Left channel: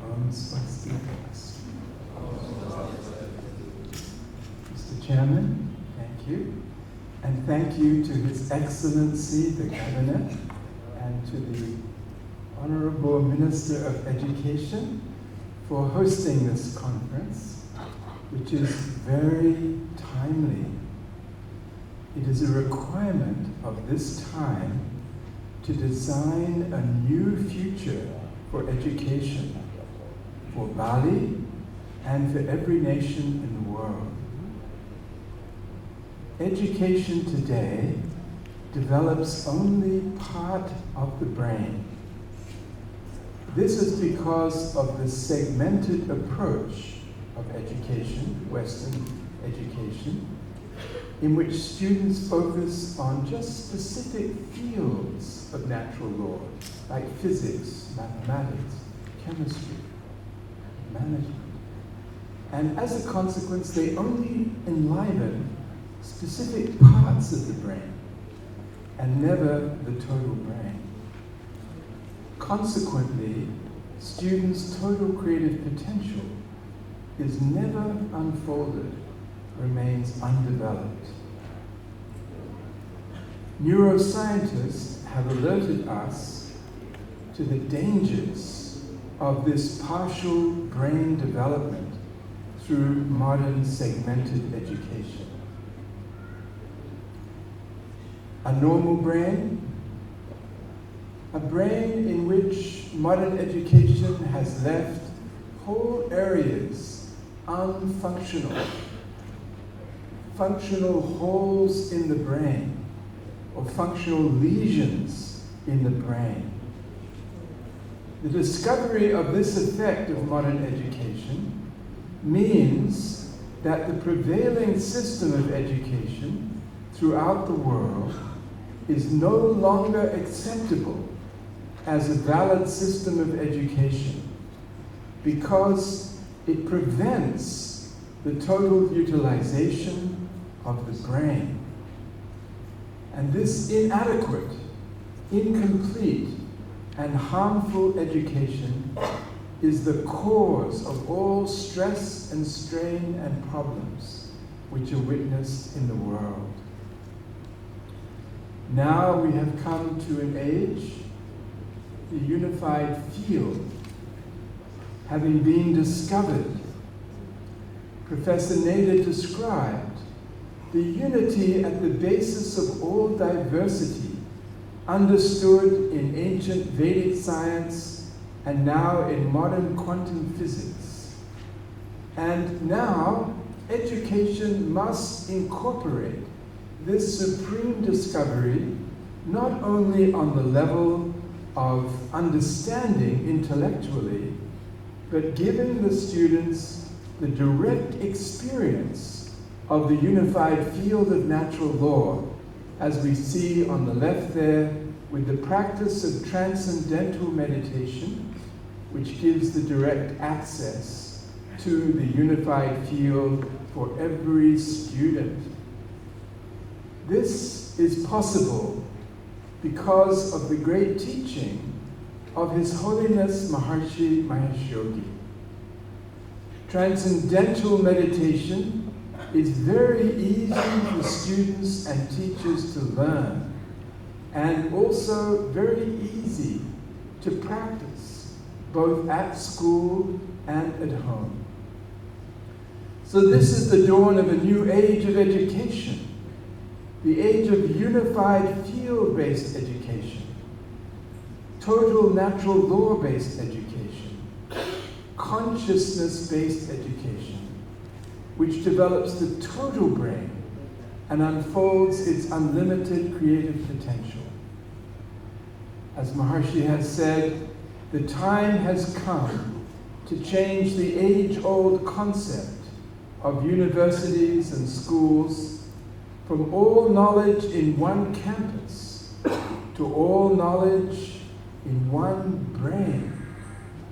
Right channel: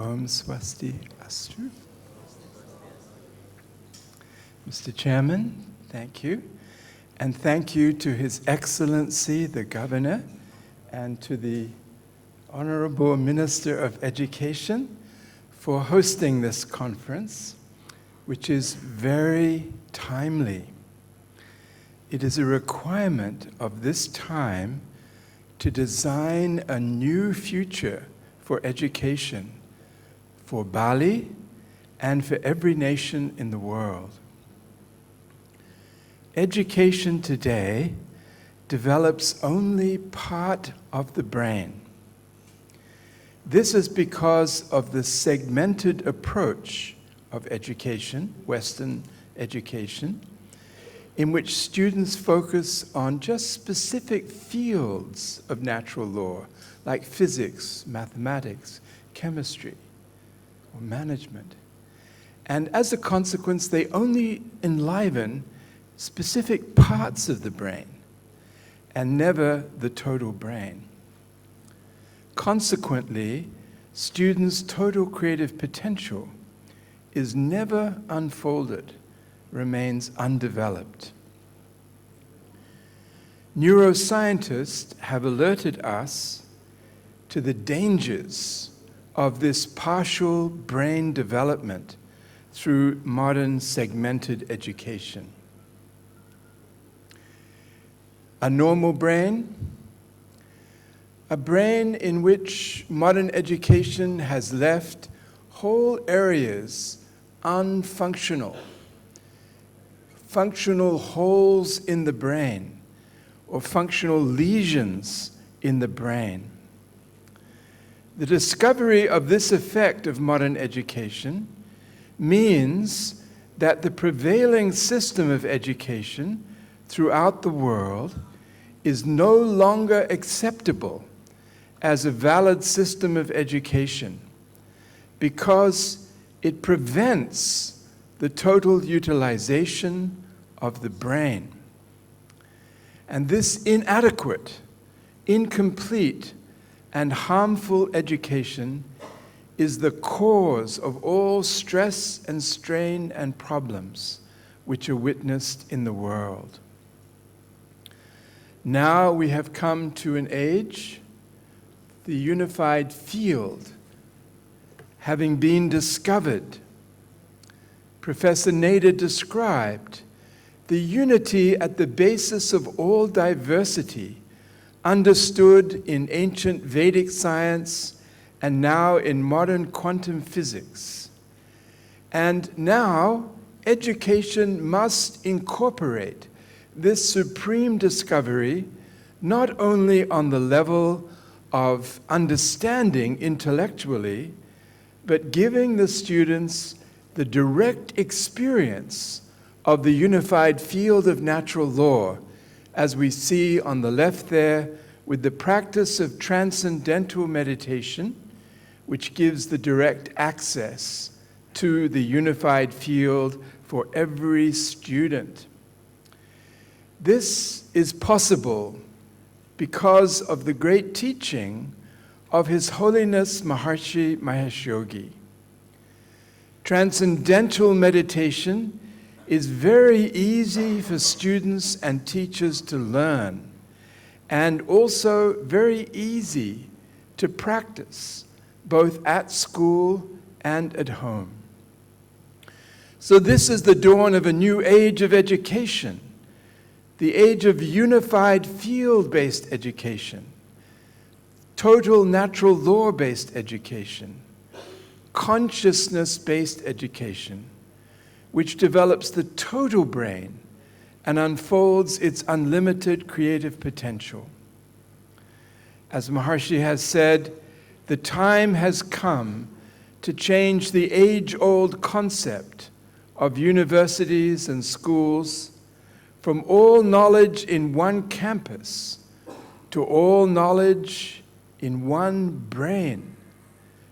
Om Swasti Astu. Mr. Chairman, thank you. And thank you to His Excellency, the Governor, and to the Honorable Minister of Education for hosting this conference, which is very timely. It is a requirement of this time to design a new future for education, for Bali, and for every nation in the world. Education today develops only part of the brain. This is because of the segmented approach of education, Western education, in which students focus on just specific fields of natural law, like physics, mathematics, chemistry, management. And as a consequence, they only enliven specific parts of the brain and never the total brain. Consequently, students' total creative potential is never unfolded, remains undeveloped. Neuroscientists have alerted us to the dangers of this partial brain development through modern segmented education. A normal brain, a brain in which modern education has left whole areas unfunctional, functional holes in the brain, or functional lesions in the brain. The discovery of this effect of modern education means that the prevailing system of education throughout the world is no longer acceptable as a valid system of education because it prevents the total utilization of the brain. And this inadequate, incomplete, and harmful education is the cause of all stress and strain and problems which are witnessed in the world. Now we have come to an age, the unified field, having been discovered. Professor Nader described the unity at the basis of all diversity, understood in ancient Vedic science and now in modern quantum physics. And now education must incorporate this supreme discovery not only on the level of understanding intellectually, but giving the students the direct experience of the unified field of natural law, as we see on the left there, with the practice of transcendental meditation, which gives the direct access to the unified field for every student. This is possible because of the great teaching of His Holiness Maharishi Mahesh Yogi. Transcendental meditation is very easy for students and teachers to learn, and also very easy to practice, both at school and at home. So this is the dawn of a new age of education, the age of unified field-based education, total natural law-based education, consciousness-based education, which develops the total brain and unfolds its unlimited creative potential. As Maharishi has said, the time has come to change the age-old concept of universities and schools from all knowledge in one campus to all knowledge in one brain,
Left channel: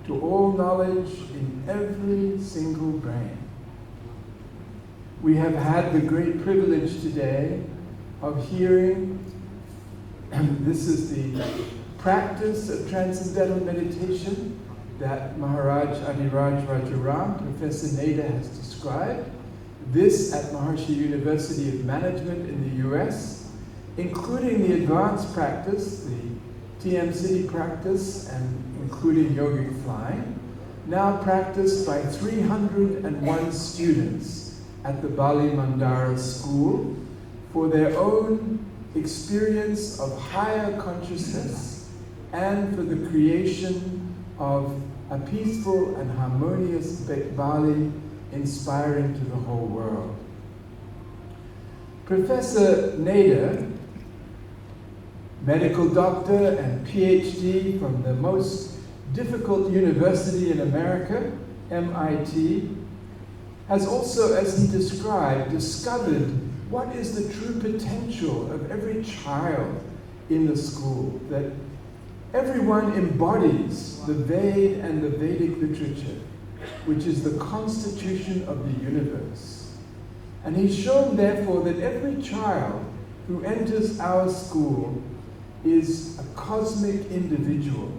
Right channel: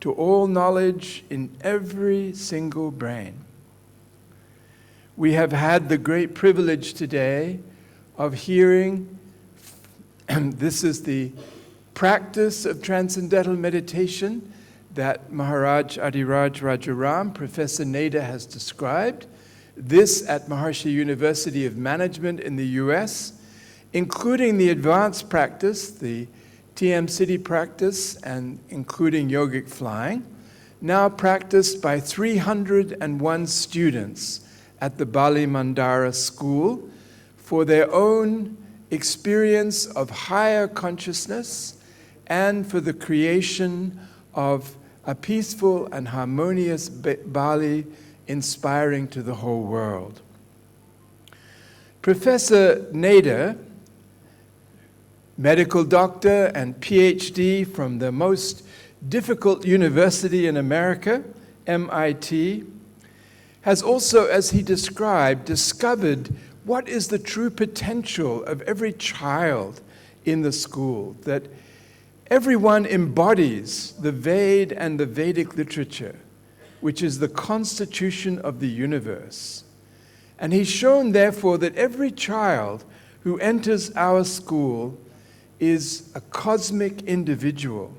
to all knowledge in every single brain. We have had the great privilege today of hearing, and this is the practice of transcendental meditation that Maharaj Adiraj Rajaram, Professor Nader, has described. This at Maharishi University of Management in the US, including the advanced practice, the TM City practice, and including yogic flying, now practiced by 301 students at the Bali Mandara School for their own experience of higher consciousness and for the creation of a peaceful and harmonious Bali inspiring to the whole world. Professor Nader, medical doctor and PhD from the most difficult university in America, MIT, has also, as he described, discovered what is the true potential of every child in the school, that everyone embodies the Ved and the Vedic literature, which is the constitution of the universe. And he's shown, therefore, that every child who enters our school is a cosmic individual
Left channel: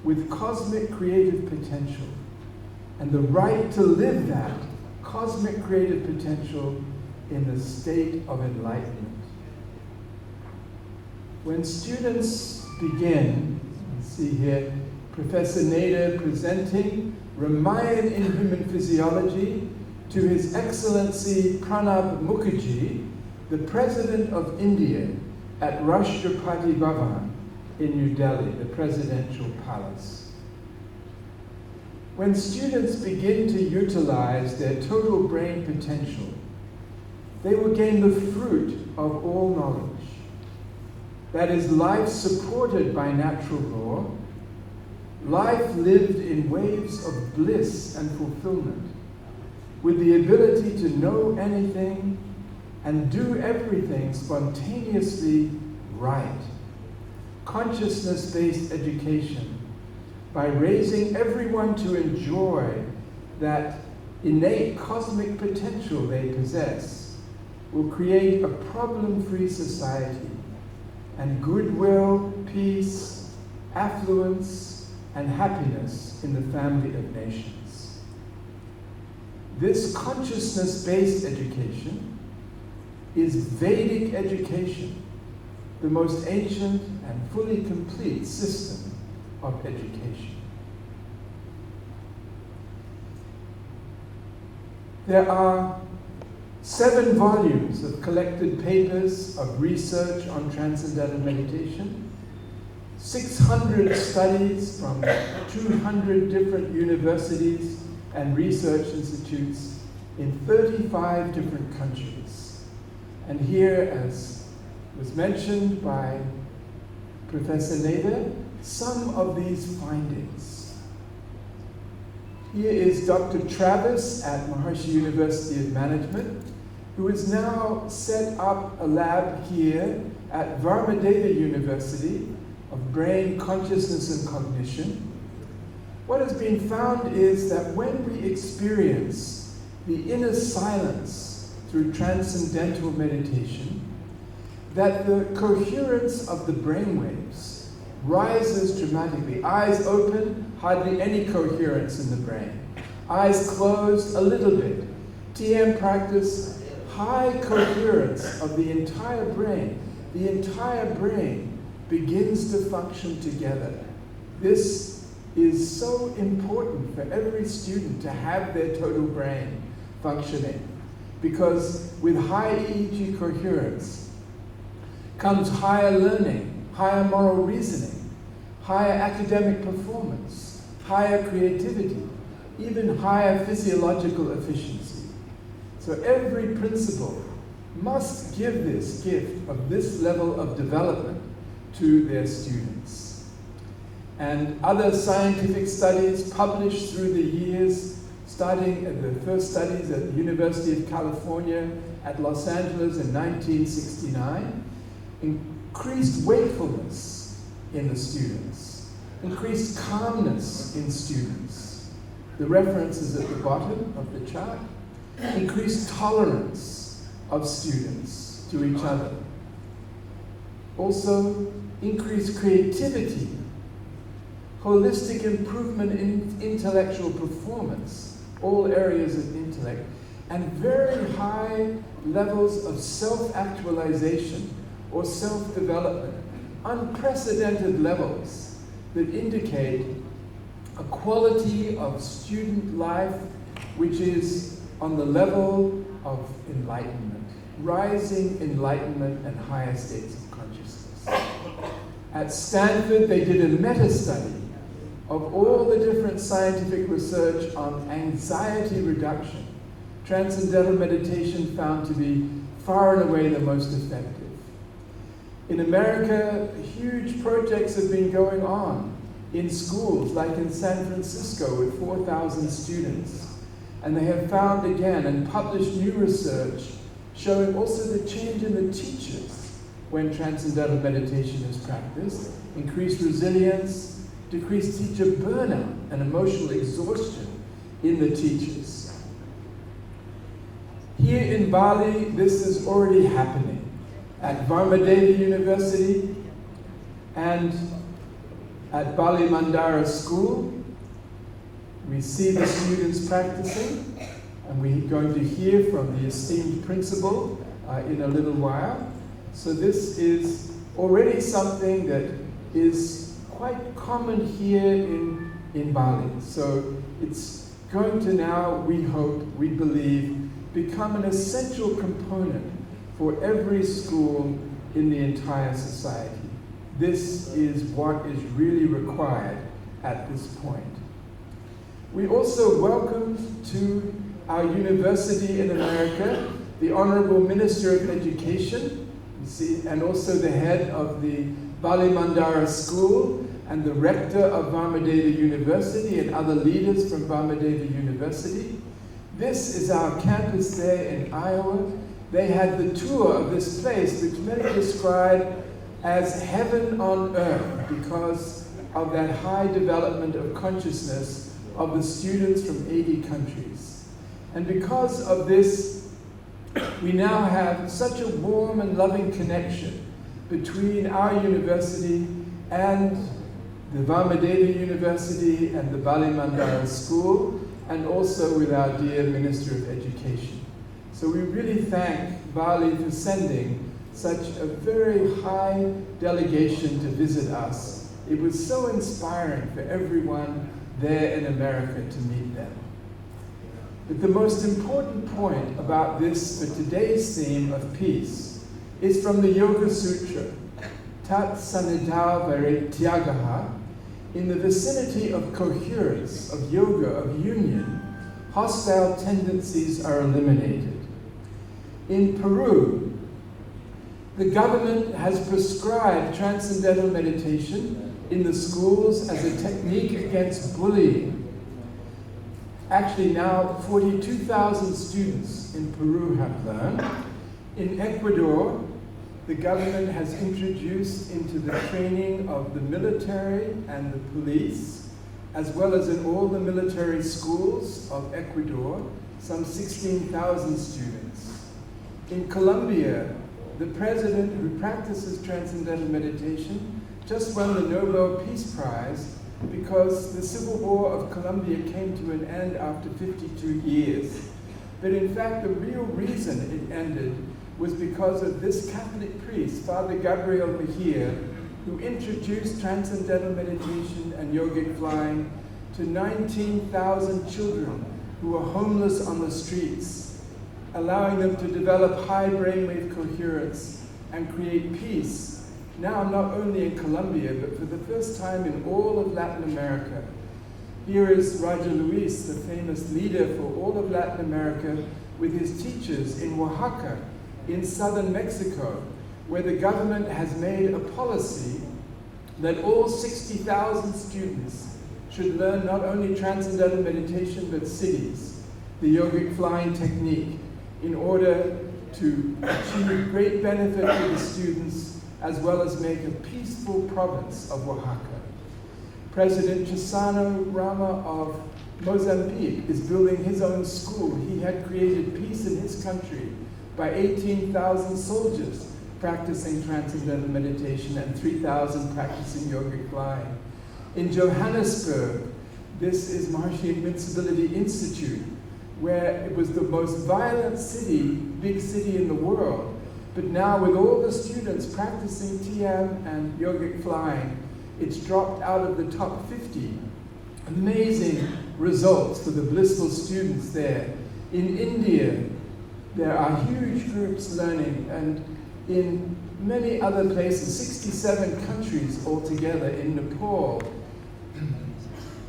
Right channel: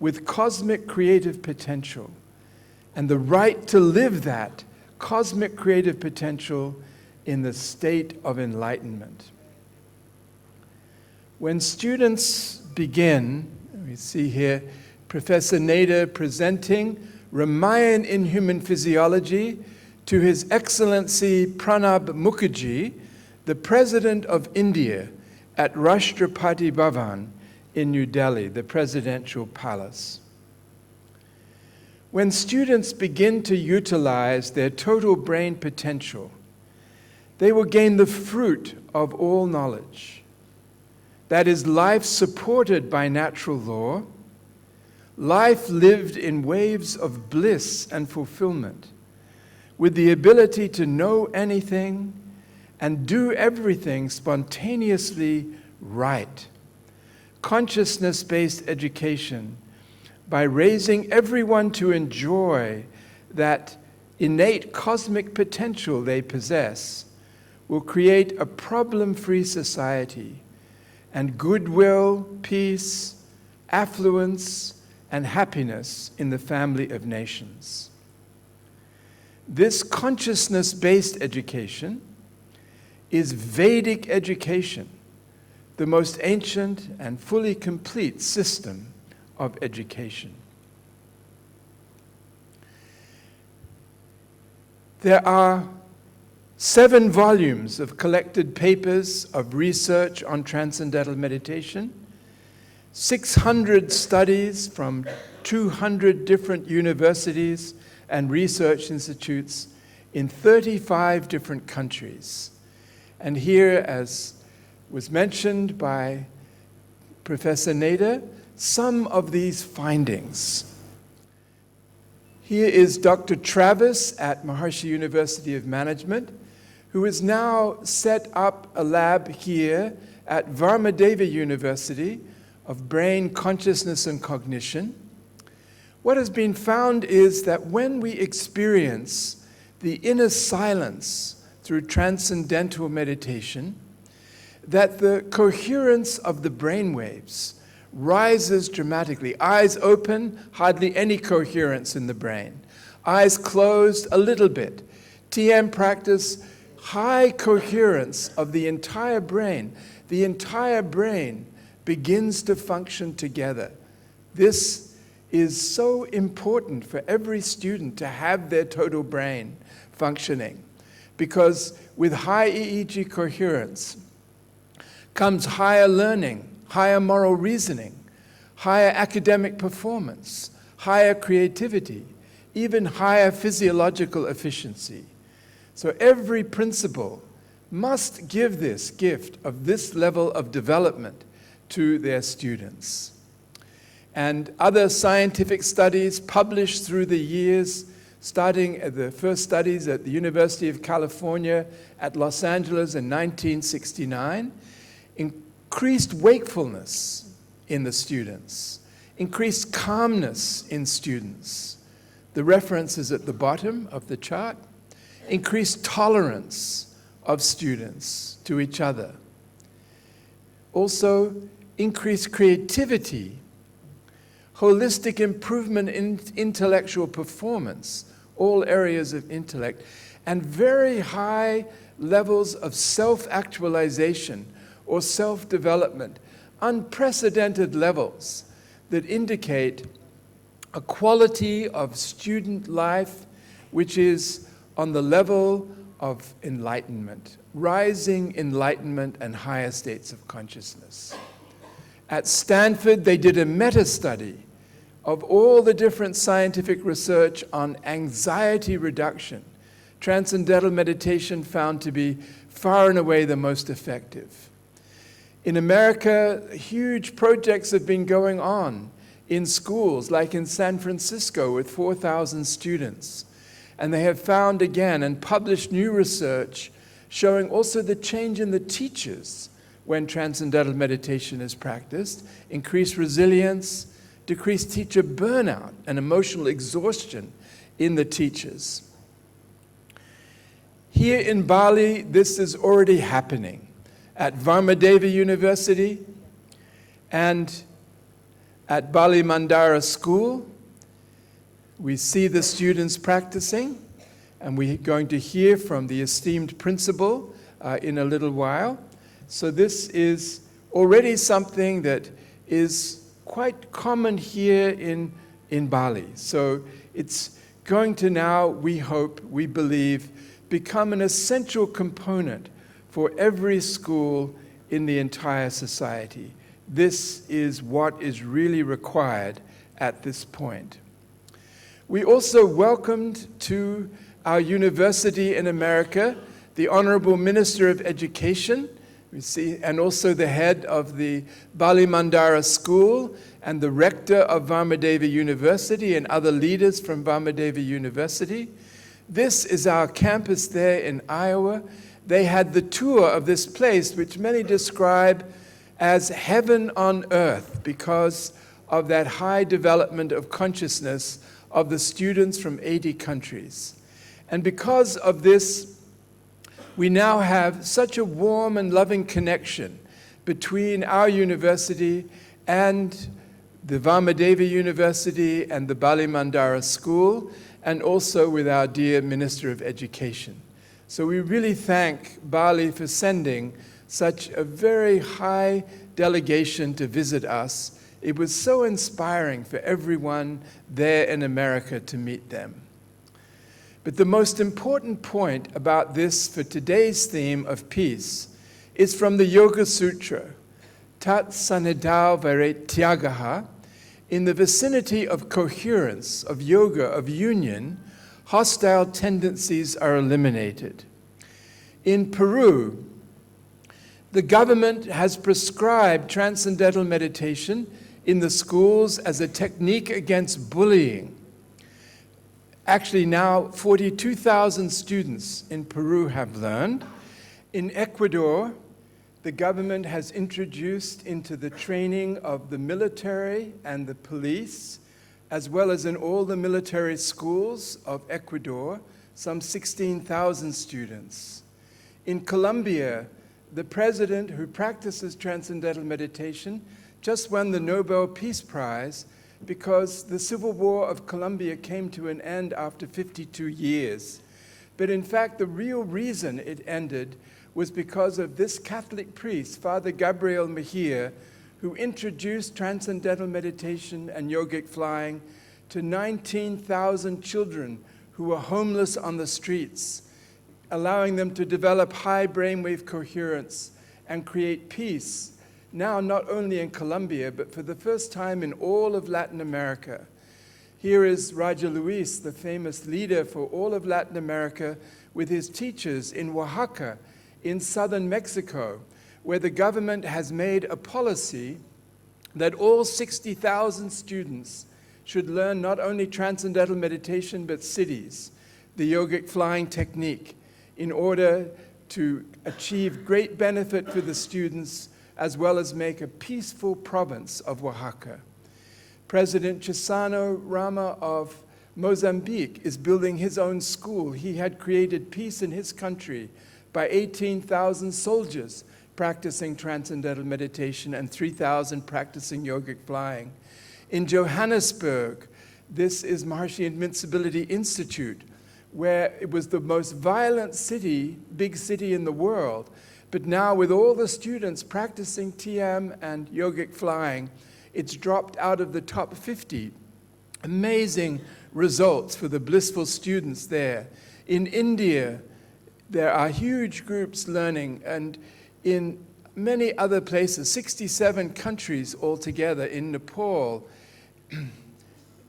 with cosmic creative potential and the right to live that cosmic creative potential in the state of enlightenment. When students begin, we see here Professor Nader presenting Ramayan in Human Physiology to His Excellency Pranab Mukherjee, the President of India, at Rashtrapati Bhavan in New Delhi, the presidential palace. When students begin to utilize their total brain potential, they will gain the fruit of all knowledge. That is, life supported by natural law, life lived in waves of bliss and fulfillment, with the ability to know anything and do everything spontaneously right. Consciousness-based education, by raising everyone to enjoy that innate cosmic potential they possess, will create a problem-free society and goodwill, peace, affluence, and happiness in the family of nations. This consciousness-based education is Vedic education, the most ancient and fully complete system of education. There are 7 volumes of collected papers of research on transcendental meditation, 600 studies from 200 different universities and research institutes in 35 different countries. And here, as was mentioned by Professor Nader, some of these findings. Here is Dr. Travis at Maharishi University of Management, who has now set up a lab here at Varmadeva University of Brain, Consciousness, and Cognition. What has been found is that when we experience the inner silence through transcendental meditation, that the coherence of the brainwaves rises dramatically. Eyes open, hardly any coherence in the brain. Eyes closed, a little bit. TM practice, high coherence of the entire brain. The entire brain begins to function together. This is so important for every student to have their total brain functioning, because with high EEG coherence comes higher learning, higher moral reasoning, higher academic performance, higher creativity, even higher physiological efficiency. So every principal must give this gift of this level of development to their students. And other scientific studies published through the years, starting at the first studies at the University of California at Los Angeles in 1969, increased wakefulness in the students, increased calmness in students. The reference is at the bottom of the chart. Increased tolerance of students to each other. Also, increased creativity, holistic improvement in intellectual performance, all areas of intellect, and very high levels of self-actualization or self-development, unprecedented levels that indicate a quality of student life which is on the level of enlightenment, rising enlightenment and higher states of consciousness. At Stanford, they did a meta-study of all the different scientific research on anxiety reduction. Transcendental meditation found to be far and away the most effective. In America, huge projects have been going on in schools, like in San Francisco with 4,000 students. And they have found again and published new research showing also the change in the teachers when transcendental meditation is practiced, increased resilience, decreased teacher burnout and emotional exhaustion in the teachers. Here in Bali, this is already happening. At Varmadeva University and at Bali Mandara School, we see the students practicing, and we're going to hear from the esteemed principal in a little while. So this is already something that is quite common here in Bali. So it's going to now, we hope, we believe, become an essential component for every school in the entire society. This is what is really required at this point. We also welcomed to our university in America the Honorable Minister of Education, you see, and also the head of the Bali Mandara School and the rector of Varmadeva University and other leaders from Varmadeva University. This is our campus there in Iowa. They had the tour of this place, which many describe as heaven on earth because of that high development of consciousness of the students from 80 countries. And because of this, we now have such a warm and loving connection between our university and the Varmadeva University and the Bali Mandara School, and also with our dear Minister of Education. So we really thank Bali for sending such a very high delegation to visit us. It was so inspiring for everyone there in America to meet them. But the most important point about this for today's theme of peace is from the Yoga Sutra, Tat Sanidao Vairetyagaha. In the vicinity of coherence, of yoga, of union, hostile tendencies are eliminated. In Peru, the government has prescribed transcendental meditation in the schools as a technique against bullying. Actually now 42,000 students in Peru have learned. In Ecuador, the government has introduced into the training of the military and the police, as well as in all the military schools of Ecuador, some 16,000 students. In Colombia, the president who practices transcendental meditation just won the Nobel Peace Prize because the Civil War of Colombia came to an end after 52 years. But in fact, the real reason it ended was because of this Catholic priest, Father Gabriel Mejia, who introduced transcendental meditation and yogic flying to 19,000 children who were homeless on the streets, allowing them to develop high brainwave coherence and create peace, now not only in Colombia, but for the first time in all of Latin America. Here is Raja Luis, the famous leader for all of Latin America, with his teachers in Oaxaca, in southern Mexico, where the government has made a policy that all 60,000 students should learn not only transcendental meditation, but siddhis, the yogic flying technique, in order to achieve great benefit for the students, as well as make a peaceful province of Oaxaca. President Chissano Rama of Mozambique is building his own school. He had created peace in his country by 18,000 soldiers practicing transcendental meditation and 3,000 practicing yogic flying. In Johannesburg, this is Maharishi Invincibility Institute, where it was the most violent big city in the world. But now with all the students practicing TM and yogic flying, it's dropped out of the top 50. Amazing results for the blissful students there. In India, there are huge groups learning, and in many other places, 67 countries altogether, in Nepal,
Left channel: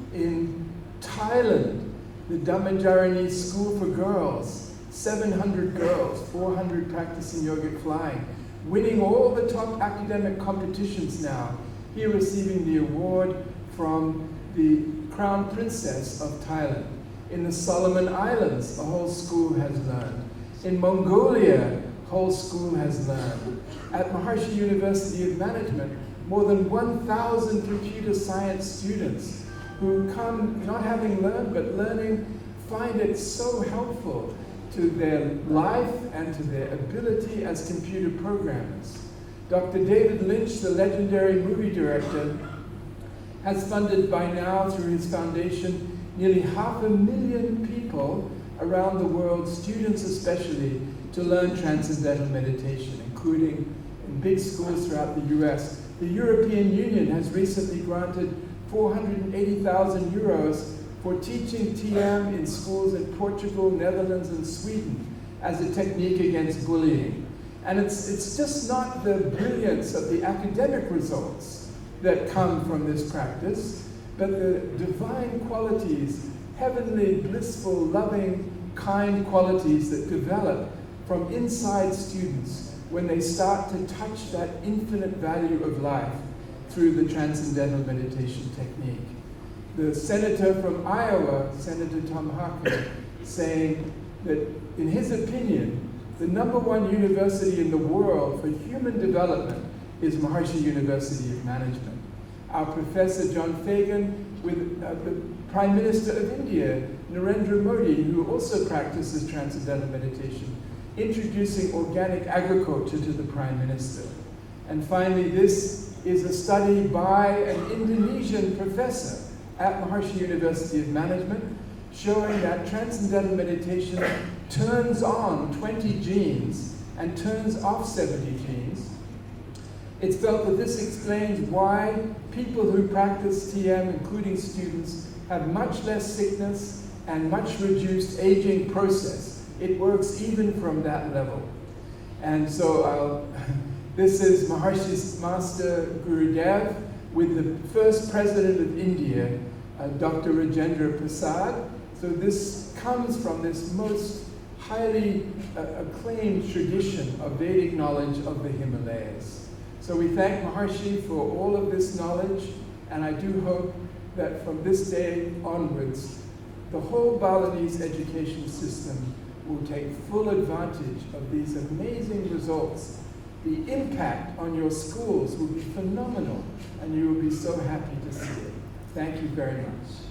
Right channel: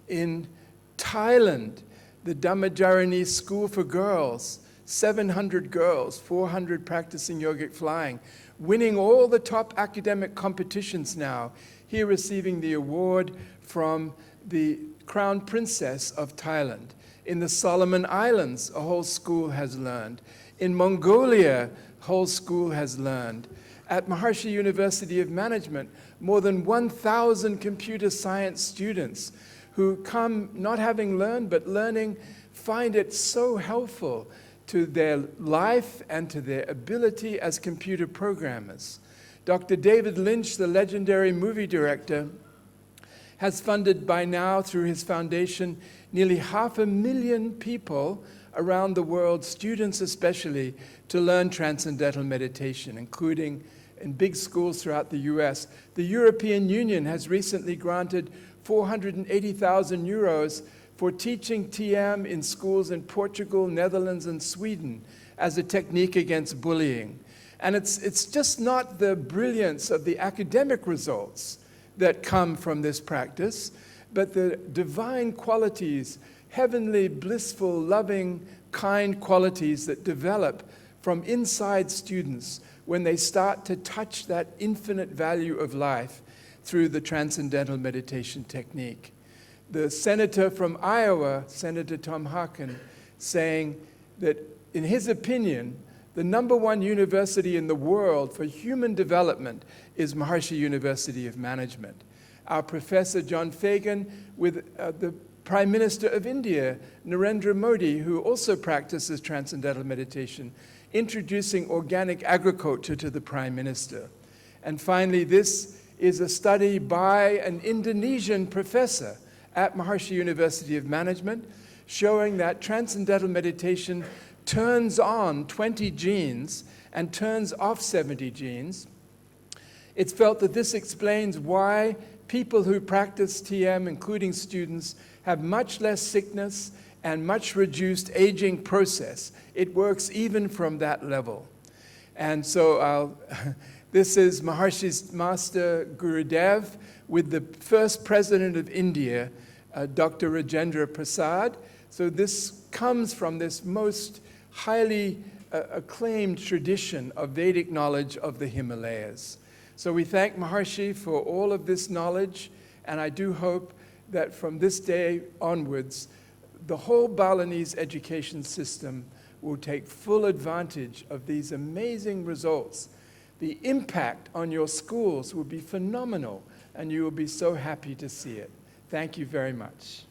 in Thailand, the Dhammajarani School for Girls, 700 girls, 400 practicing yogic flying, winning all the top academic competitions now, here receiving the award from the Crown Princess of Thailand. In the Solomon Islands, a whole school has learned. In Mongolia, a whole school has learned. At Maharishi University of Management, more than 1,000 computer science students who come not having learned, but learning, find it so helpful to their life and to their ability as computer programmers. Dr. David Lynch, the legendary movie director, has funded by now through his foundation nearly 500,000 people around the world, students especially, to learn transcendental meditation, including in big schools throughout the US. The European Union has recently granted 480,000 euros for teaching TM in schools in Portugal, Netherlands, and Sweden as a technique against bullying. And it's just not the brilliance of the academic results that come from this practice, but the divine qualities, heavenly, blissful, loving, kind qualities that develop from inside students when they start to touch that infinite value of life through the transcendental meditation technique. The senator from Iowa, Senator Tom Harkin, saying that in his opinion, the #1 university in the world for human development is Maharishi University of Management. Our Professor John Fagan with the Prime Minister of India, Narendra Modi, who also practices transcendental meditation, introducing organic agriculture to the Prime Minister. And finally, this is a study by an Indonesian professor at Maharishi University of Management, showing that transcendental meditation turns on 20 genes and turns off 70 genes. It's felt that this explains why people who practice TM, including students, have much less sickness and much reduced aging process. It works even from that level. And so this is Maharishi's Master Gurudev with the first president of India, Dr. Rajendra Prasad. So this comes from this most highly acclaimed tradition of Vedic knowledge of the Himalayas. So we thank Maharishi for all of this knowledge, and I do hope that from this day onwards, the whole Balinese education system will take full advantage of these amazing results. The impact on your schools will be phenomenal, and you will be so happy to see it. Thank you very much.